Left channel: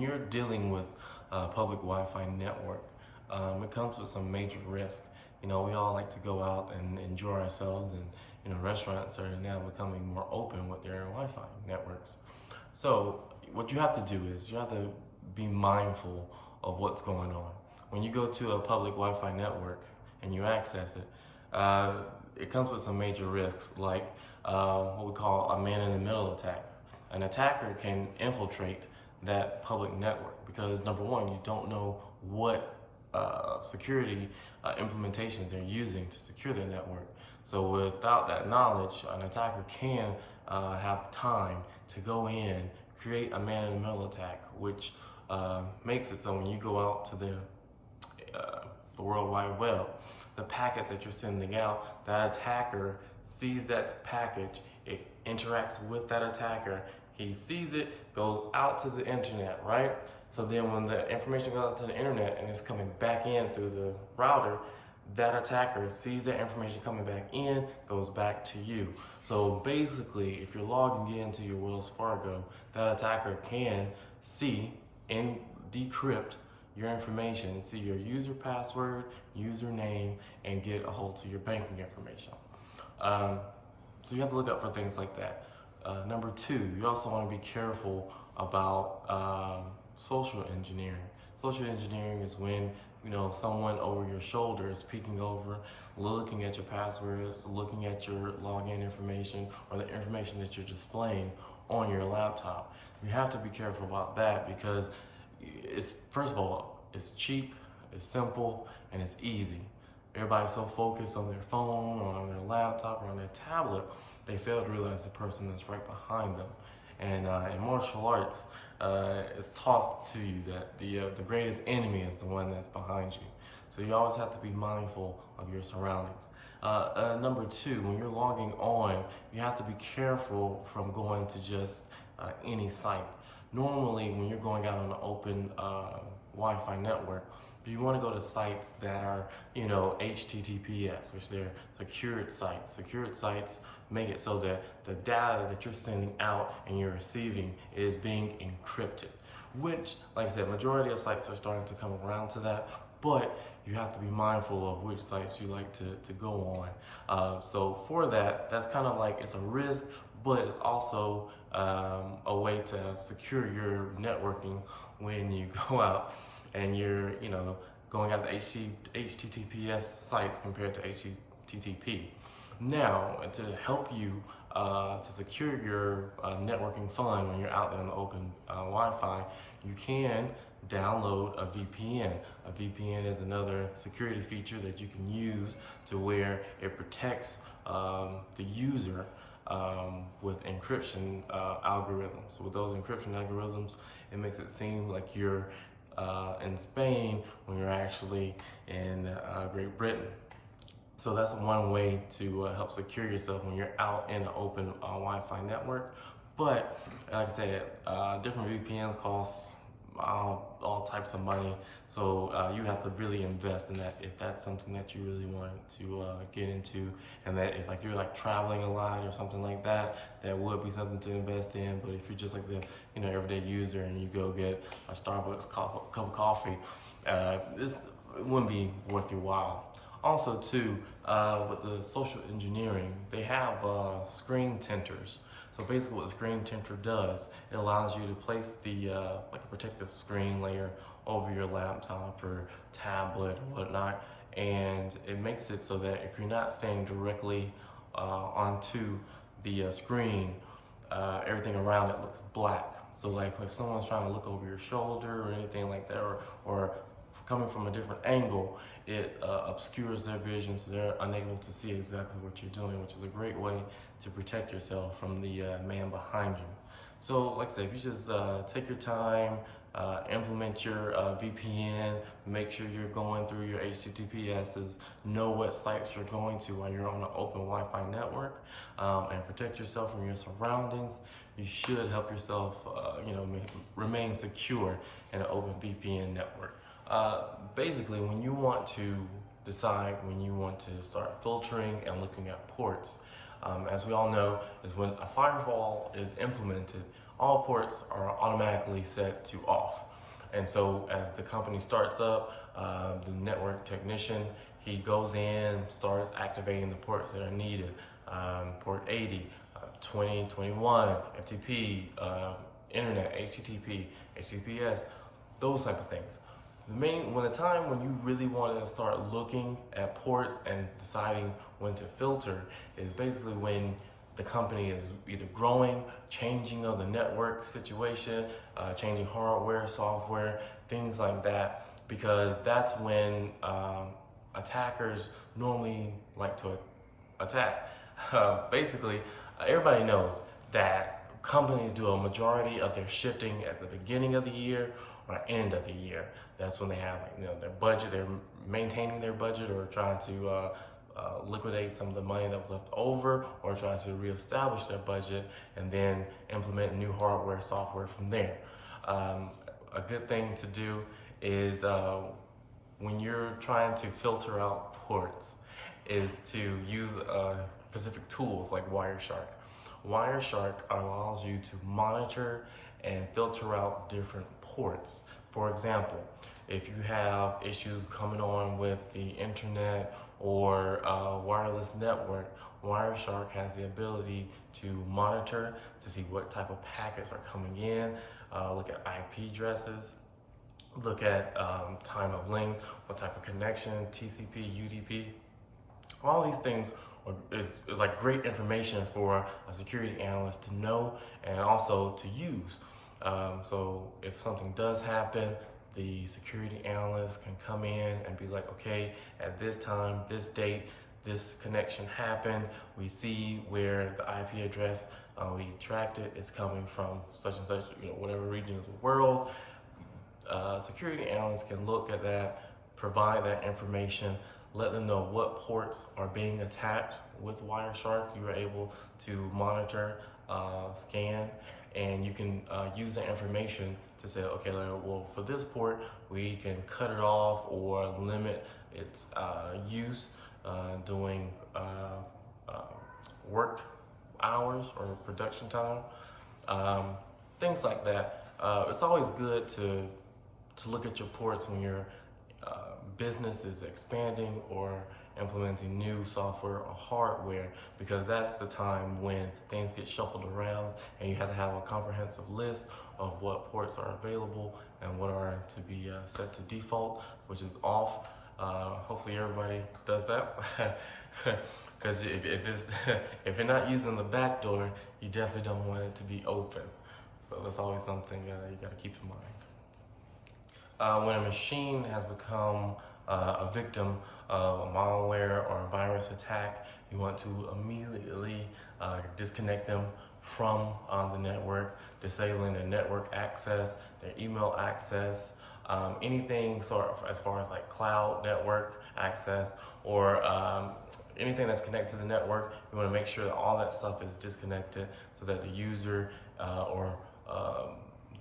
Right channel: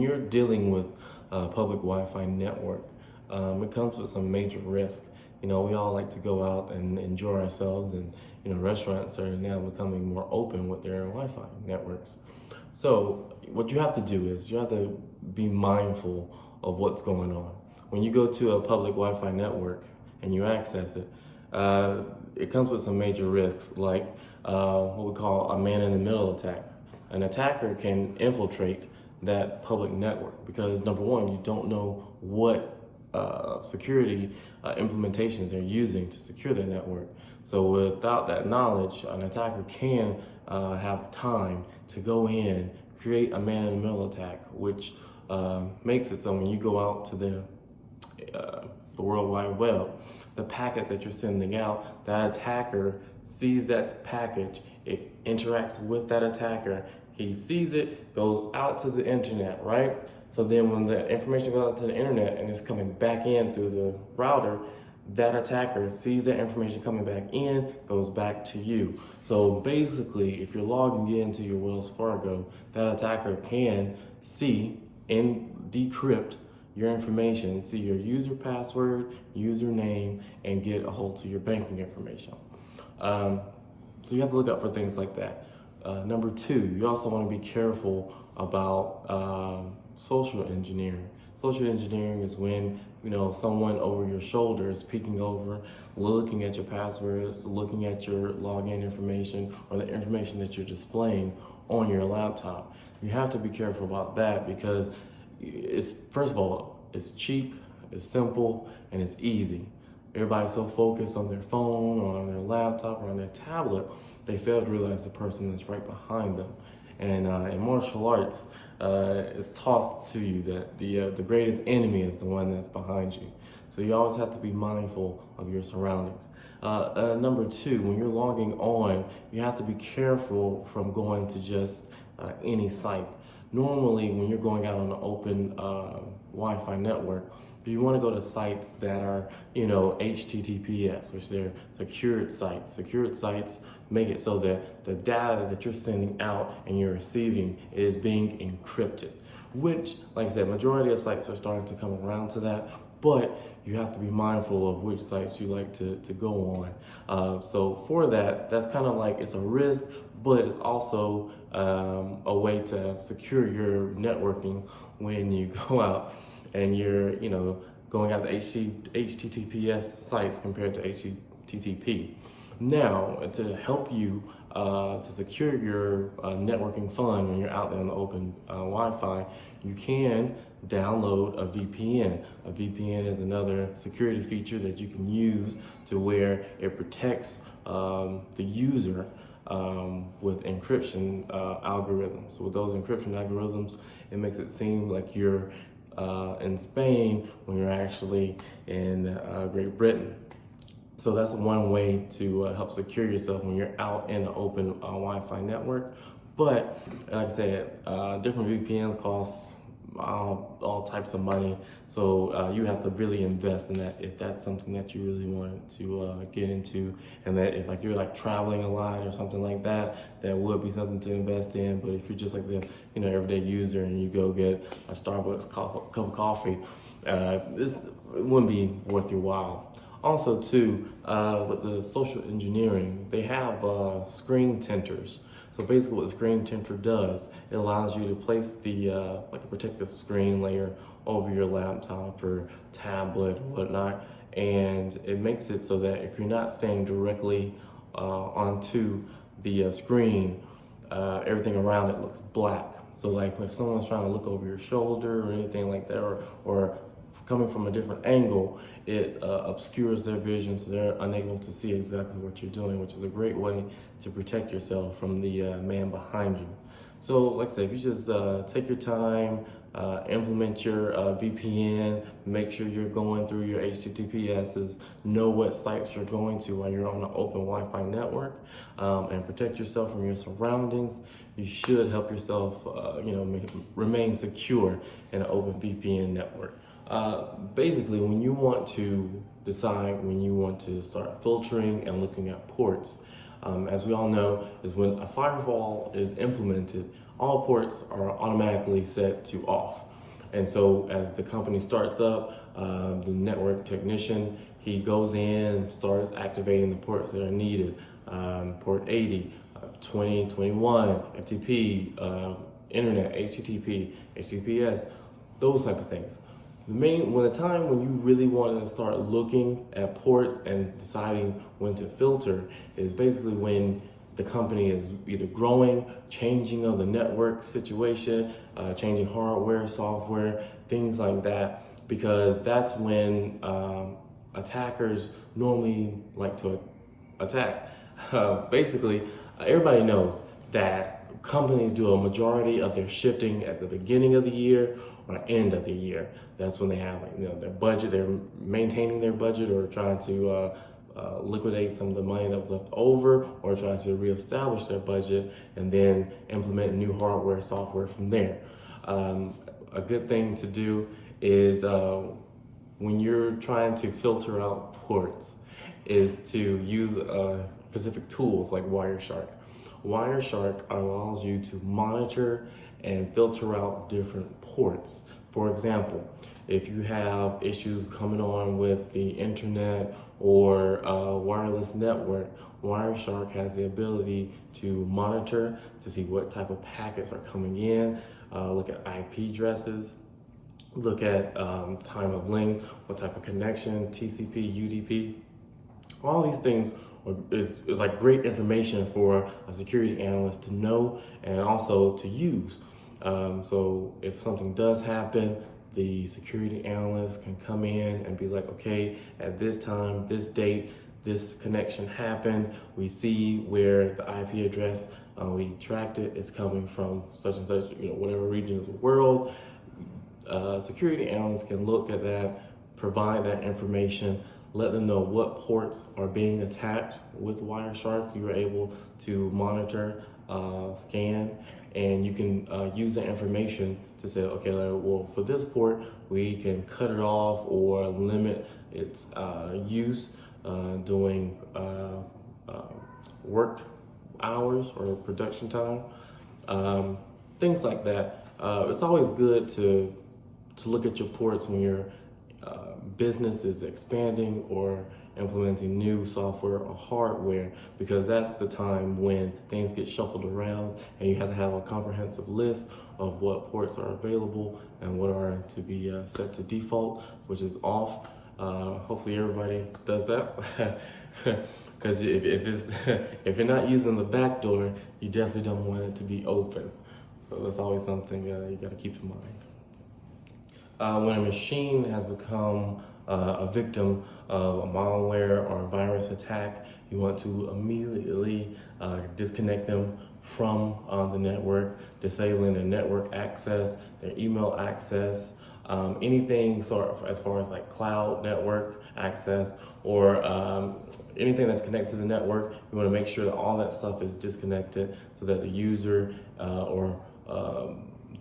You're dealing with a public Wi-Fi network. It comes with some major risk. We all like to go out and enjoy ourselves, and restaurants are now becoming more open with their Wi-Fi networks. So what you have to do is you have to be mindful of what's going on. When you go to a public Wi-Fi network and you access it, it comes with some major risks, like what we call a man-in-the-middle attack. An attacker can infiltrate that public network because, number one, you don't know what security implementations they're using to secure their network. So without that knowledge, an attacker can have time to go in, create a man-in-the-middle attack, which makes it so when you go out to the World Wide Web, the packets that you're sending out, that attacker sees that package, it interacts with that attacker, he sees it, goes out to the internet, right? So then when the information goes out to the internet and it's coming back in through the router, that attacker sees that information coming back in, goes back to you. So basically, if you're logging into your Wells Fargo, that attacker can see and decrypt your information, see your user password, username, and get a hold to your banking information. So you have to look out for things like that. Number two, you also want to be careful about social engineering. Social engineering is when someone over your shoulder is peeking over, looking at your passwords, looking at your login information or the information that you're displaying on your laptop. You have to be careful about that because first of all, it's cheap, it's simple, and it's easy. Everybody's so focused on their phone or on their laptop or on their tablet, they fail to realize the person that's right behind them. And in martial arts, it's taught to you that the greatest enemy is the one that's behind you. So you always have to be mindful of your surroundings. Number two, when you're logging on, you have to be careful from going to just any site. Normally, when you're going out on an open Wi-Fi network, you want to go to sites that are, HTTPS, which they're secured sites. Secured sites make it so that the data that you're sending out and you're receiving is being encrypted, which, like I said, majority of sites are starting to come around to that, but you have to be mindful of which sites you like to go on. So for that, that's kind of like, it's a risk, but it's also a way to secure your networking when you go out and you're, going out to HTTPS sites compared to HTTP. Now, to help you to secure your networking fun when you're out there on the open Wi-Fi, you can download a VPN. A VPN is another security feature that you can use to where it protects the user with encryption algorithms. So with those encryption algorithms, it makes it seem like you're in Spain when you're actually in Great Britain. So that's one way to help secure yourself when you're out in an open Wi-Fi network. But like I said, different VPNs cost all types of money. So you have to really invest in that if that's something that you really want to get into. And that if you're traveling a lot or something like that, that would be something to invest in. But if you're just like the everyday user and you go get a Starbucks cup of coffee, it wouldn't be worth your while. Also too, with the social engineering, they have screen tinters. So basically what the screen tinter does, it allows you to place the like a protective screen layer over your laptop or tablet or whatnot, and it makes it so that if you're not standing directly onto the screen, everything around it looks black. So like if someone's trying to look over your shoulder or anything like that, or coming from a different angle, it obscures their vision, so they're unable to see exactly what you're doing, which is a great way to protect yourself from the man behind you. So like I said, if you just take your time, implement your VPN, make sure you're going through your HTTPSs, know what sites you're going to while you're on an open Wi-Fi network, and protect yourself from your surroundings, you should help yourself remain secure in an open VPN network. Basically, when you want to decide when you want to start filtering and looking at ports, as we all know, is when a firewall is implemented, all ports are automatically set to off. And so as the company starts up, the network technician, he goes in, starts activating the ports that are needed. Port 80, 20, 21, FTP, internet, HTTP, HTTPS, those type of things. When the time when you really want to start looking at ports and deciding when to filter is basically when the company is either growing, changing of the network situation, changing hardware, software, things like that, because that's when attackers normally like to attack. Basically, everybody knows that companies do a majority of their shifting at the beginning of the year or end of the year. That's when they have, their budget. They're maintaining their budget or trying to liquidate some of the money that was left over, or trying to reestablish their budget and then implement new hardware, software from there. A good thing to do is when you're trying to filter out ports is to use specific tools like Wireshark. Wireshark allows you to monitor and filter out different ports. For example, if you have issues coming on with the internet or wireless network, Wireshark has the ability to monitor to see what type of packets are coming in, look at IP addresses, look at time of length, what type of connection, TCP, UDP. All these things is like great information for a security analyst to know and also to use. So if something does happen, the security analyst can come in and be like, okay, at this time, this date, this connection happened. We see where the IP address, we tracked it, it's coming from such and such, whatever region of the world. Security analysts can look at that, provide that information, let them know what ports are being attacked with Wireshark. You are able to monitor, scan, and you can use that information to say, okay, well, for this port, we can cut it off or limit its use during work hours or production time, things like that. It's always good to look at your ports when your business is expanding or implementing new software or hardware, because that's the time when things get shuffled around and you have to have a comprehensive list of what ports are available and what are to be set to default, which is off. Hopefully everybody does that. Because if you're not using the back door, you definitely don't want it to be open. So that's always something you got to keep in mind. When a machine has become a victim of a malware or a virus attack, you want to immediately disconnect them from the network, disabling their network access, their email access, anything as far as like cloud network access or anything that's connected to the network. You want to make sure that all that stuff is disconnected so that the user or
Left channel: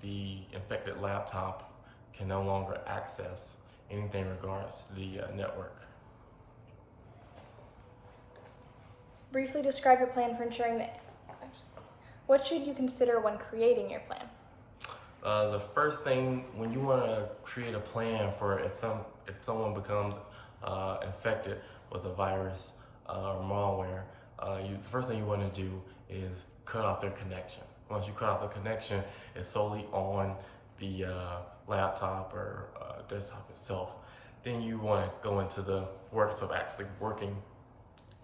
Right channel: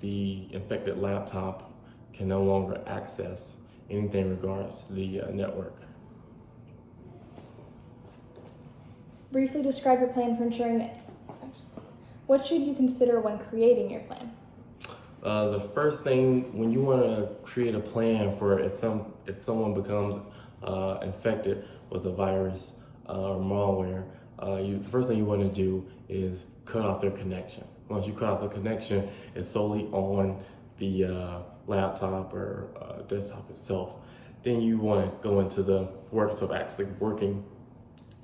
the infected laptop can no longer access anything in regards to the network. Briefly describe your plan for ensuring that. What should you consider when creating your plan? The first thing, when you want to create a plan for if someone becomes infected with a virus or malware, the first thing you want to do is cut off their connection. Once you cut off the connection, it's solely on the laptop or desktop itself. Then you want to go into the works of actually working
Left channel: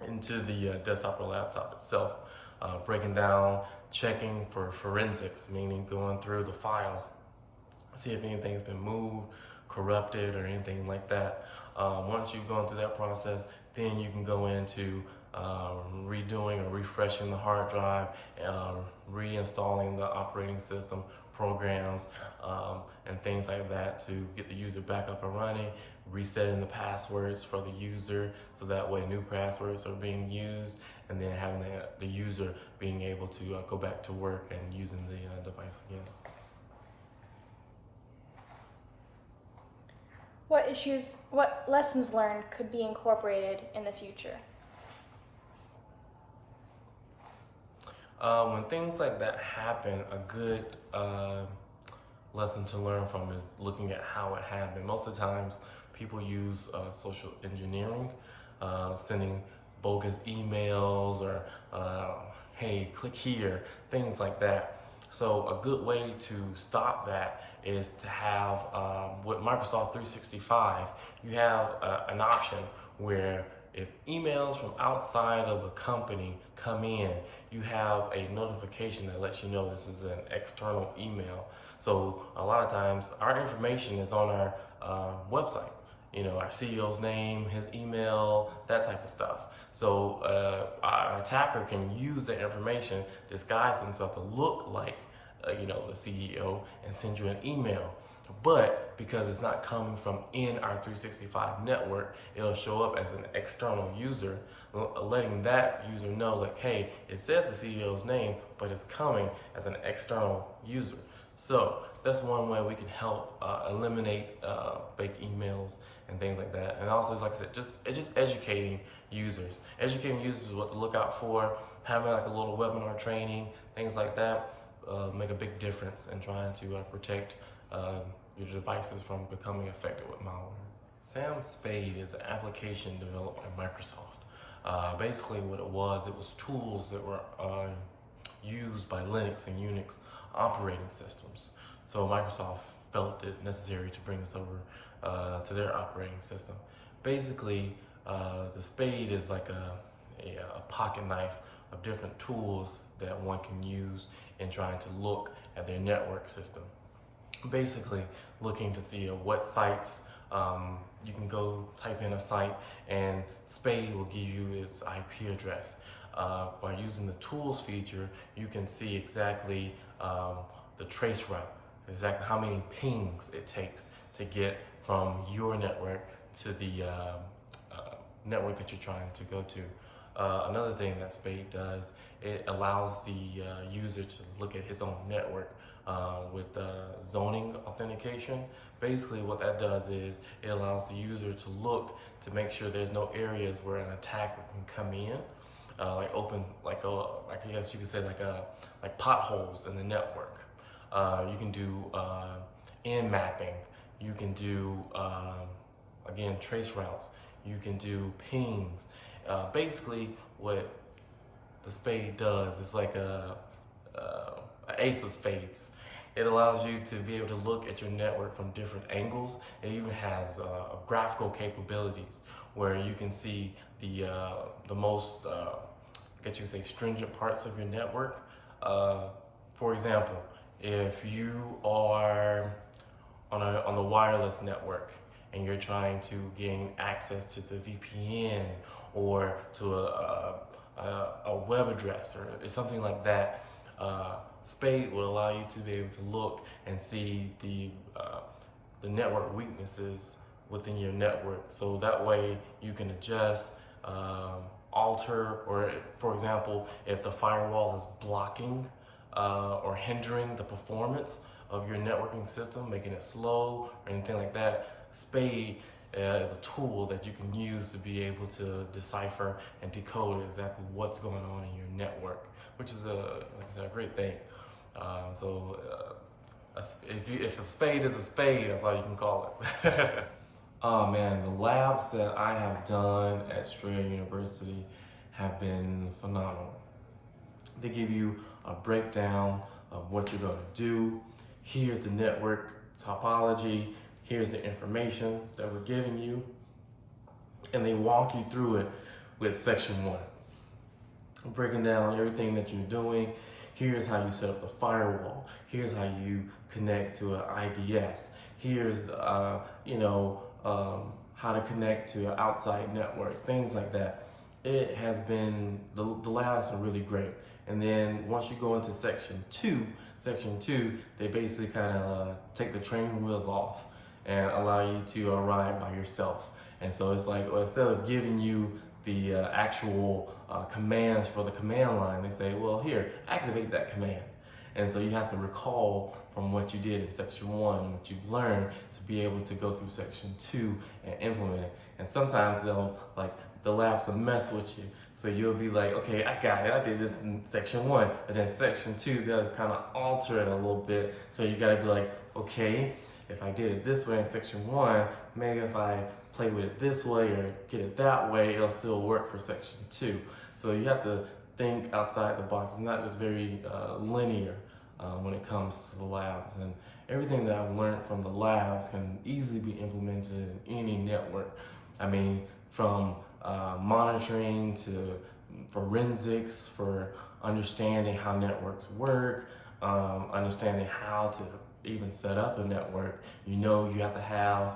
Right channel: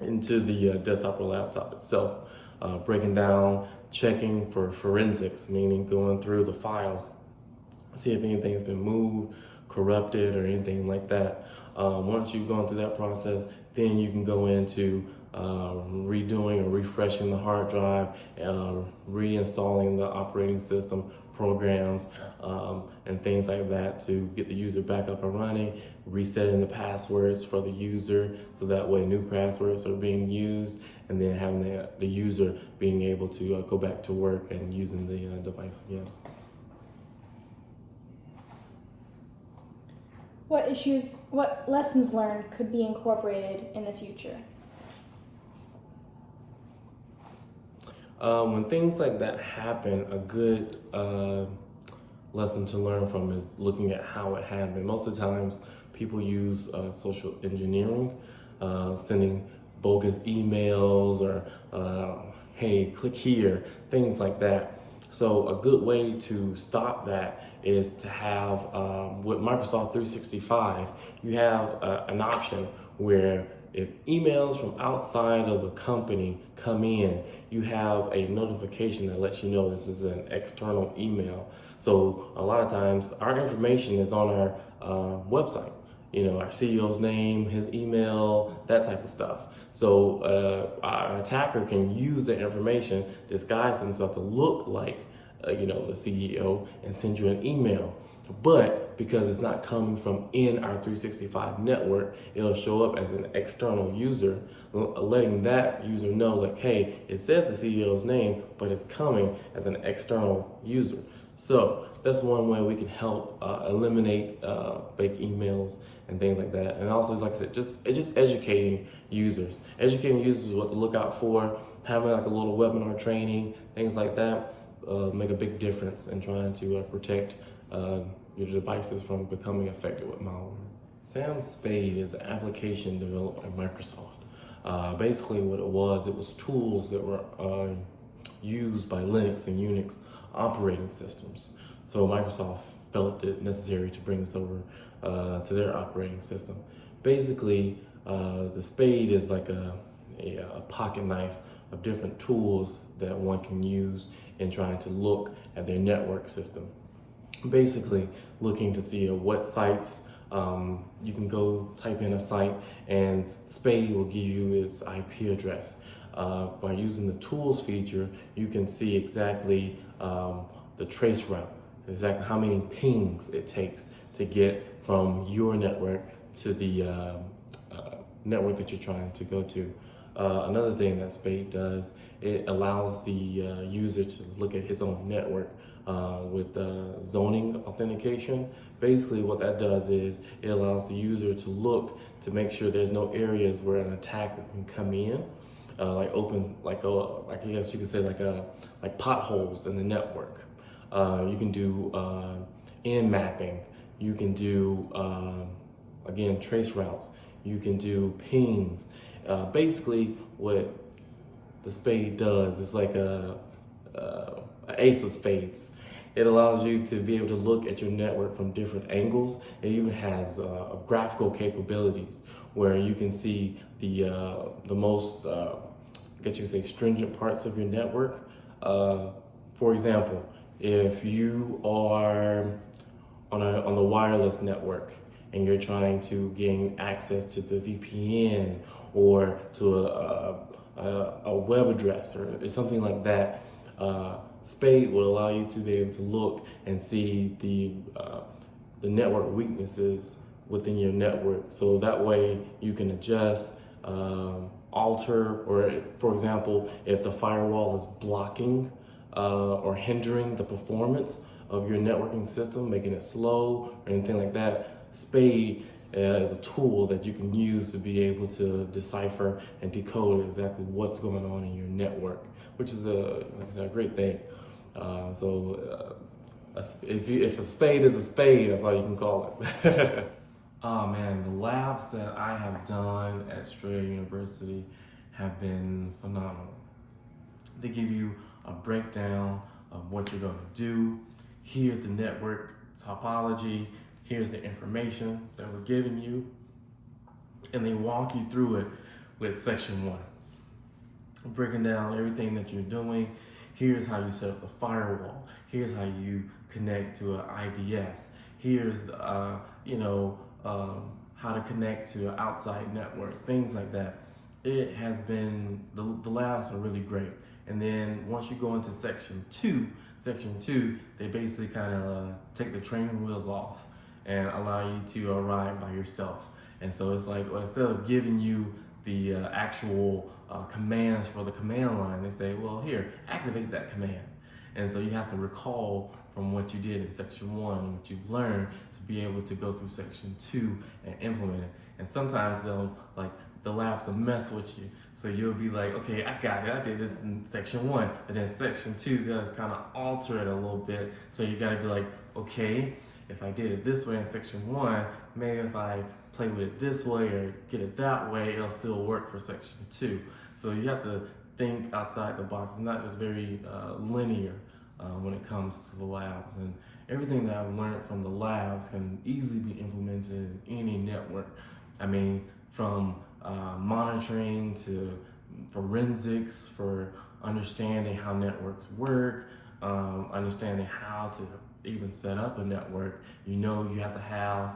into the desktop or laptop itself, breaking down, checking for forensics, meaning going through the files, see if anything's been moved, corrupted, or anything like that. Once you've gone through that process, then you can go into redoing or refreshing the hard drive, reinstalling the operating system programs, and things like that to get the user back up and running, resetting the passwords for the user so that way new passwords are being used, and then having the user being able to go back to work and using the device again. What lessons learned could be incorporated in the future? When things like that happen, a good lesson to learn from is looking at how it happened. Most of the times, people use social engineering, sending bogus emails or hey, click here, things like that. So a good way to stop that is to have, with Microsoft 365, you have an option where if emails from outside of the company come in, you have a notification that lets you know this is an external email. So a lot of times our information is on our website. You know, our CEO's name, his email, that type of stuff. So our attacker can use that information, disguise himself to look like, you know, the CEO and send you an email. But because it's not coming from in our 365 network, it'll show up as an external user, letting that user know like, hey, it says the CEO's name, but it's coming as an external user. So that's one way we can help eliminate fake emails and things like that. And also, like I said, just educating users. Educating users what to look out for, having like a little webinar training, things like that, make a big difference in trying to protect your devices from becoming affected with malware. Sam Spade is an application developed by Microsoft. Basically what it was tools that were used by Linux and Unix operating systems. So Microsoft felt it necessary to bring this over to their operating system. Basically, the Spade is like a pocket knife of different tools that one can use in trying to look at their network system. Basically, looking to see what sites you can go type in a site and Spade will give you its IP address. By using the tools feature, you can see exactly the trace route, exactly how many pings it takes to get from your network to the network that you're trying to go to. Another thing that Spade does, it allows the user to look at his own network with zoning authentication. Basically what that does is it allows the user to look to make sure there's no areas where an attacker can come in, like I guess you could say like potholes in the network. You can do in mapping. You can do again trace routes. You can do pings. Basically, what the Spade does is like a ace of spades. It allows you to be able to look at your network from different angles. It even has graphical capabilities where you can see the most, I guess you could say, stringent parts of your network. For example, if you are on the wireless network and you're trying to gain access to the VPN or to a web address or something like that, Spade will allow you to be able to look and see the network weaknesses within your network. So that way you can adjust, alter, or for example, if the firewall is blocking or hindering the performance of your networking system, making it slow or anything like that, Spade is a tool that you can use to be able to decipher and decode exactly what's going on in your network, which is like I said, a great thing. If a spade is a spade, that's all you can call it. Oh man, the labs that I have done at Strayer University have been phenomenal. They give you a breakdown of what you're going to do. Here's the network topology. Here's the information that we're giving you. And they walk you through it with section 1. Breaking down everything that you're doing. Here's how you set up the firewall. Here's how you connect to an IDS. Here's, how to connect to an outside network, things like that. It has been, the labs are really great. And then once you go into section 2, they basically kind of take the training wheels off and allow you to ride by yourself. And so it's like, well, instead of giving you the actual commands for the command line, they say, well, here, activate that command. And so you have to recall from what you did in section 1 and what you've learned to be able to go through section 2 and implement it. And sometimes the labs will mess with you. So you'll be like, okay, I got it. I did this in section 1. And then section 2, they'll kind of alter it a little bit. So you gotta be like, okay, if I did it this way in section 1, maybe if I play with it this way or get it that way, it'll still work for section 2. So you have to think outside the box. It's not just very linear when it comes to the labs. And everything that I've learned from the labs can easily be implemented in any network. I mean, from monitoring to forensics, for understanding how networks work, understanding how to even set up a network. You have to have,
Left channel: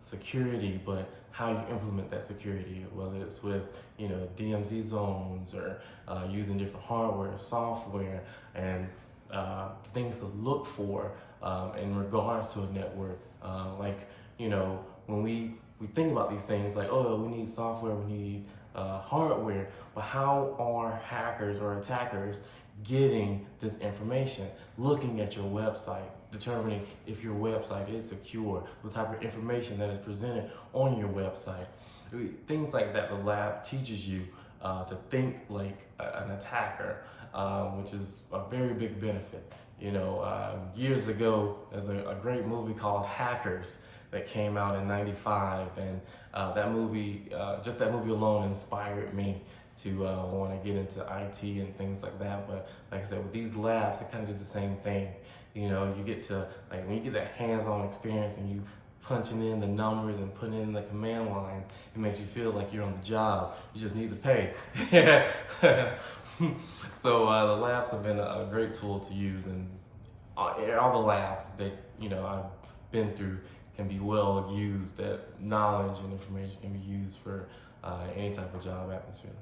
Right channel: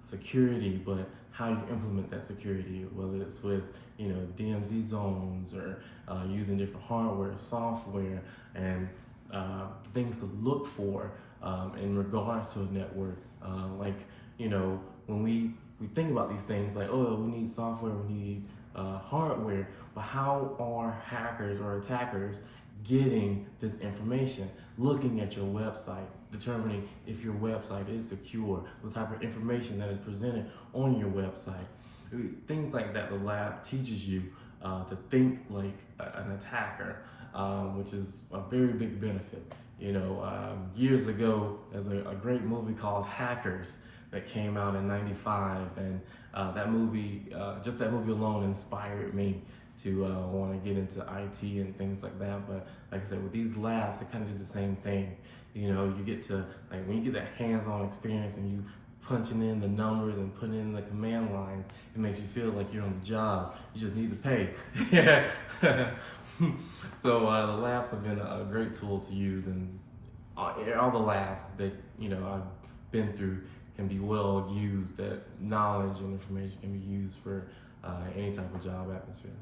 security, but how you implement that security, whether it's with, DMZ zones or using different hardware, software, and things to look for in regards to a network. When we think about these things like, oh, we need software, we need hardware, but how are hackers or attackers getting this information? Looking at your website, determining if your website is secure, what type of information that is presented on your website. Things like that the lab teaches you to think like an attacker, which is a very big benefit. Years ago, there's a great movie called Hackers that came out in '95, and that movie, just that movie alone inspired me to want to get into IT and things like that. But like I said, with these labs, it kind of does the same thing. You get to, when you get that hands-on experience and you punching in the numbers and putting in the command lines, it makes you feel like you're on the job. You just need to pay. So the labs have been a great tool to use, and all the labs that I've been through can be well used. That knowledge and information can be used for any type of job atmosphere.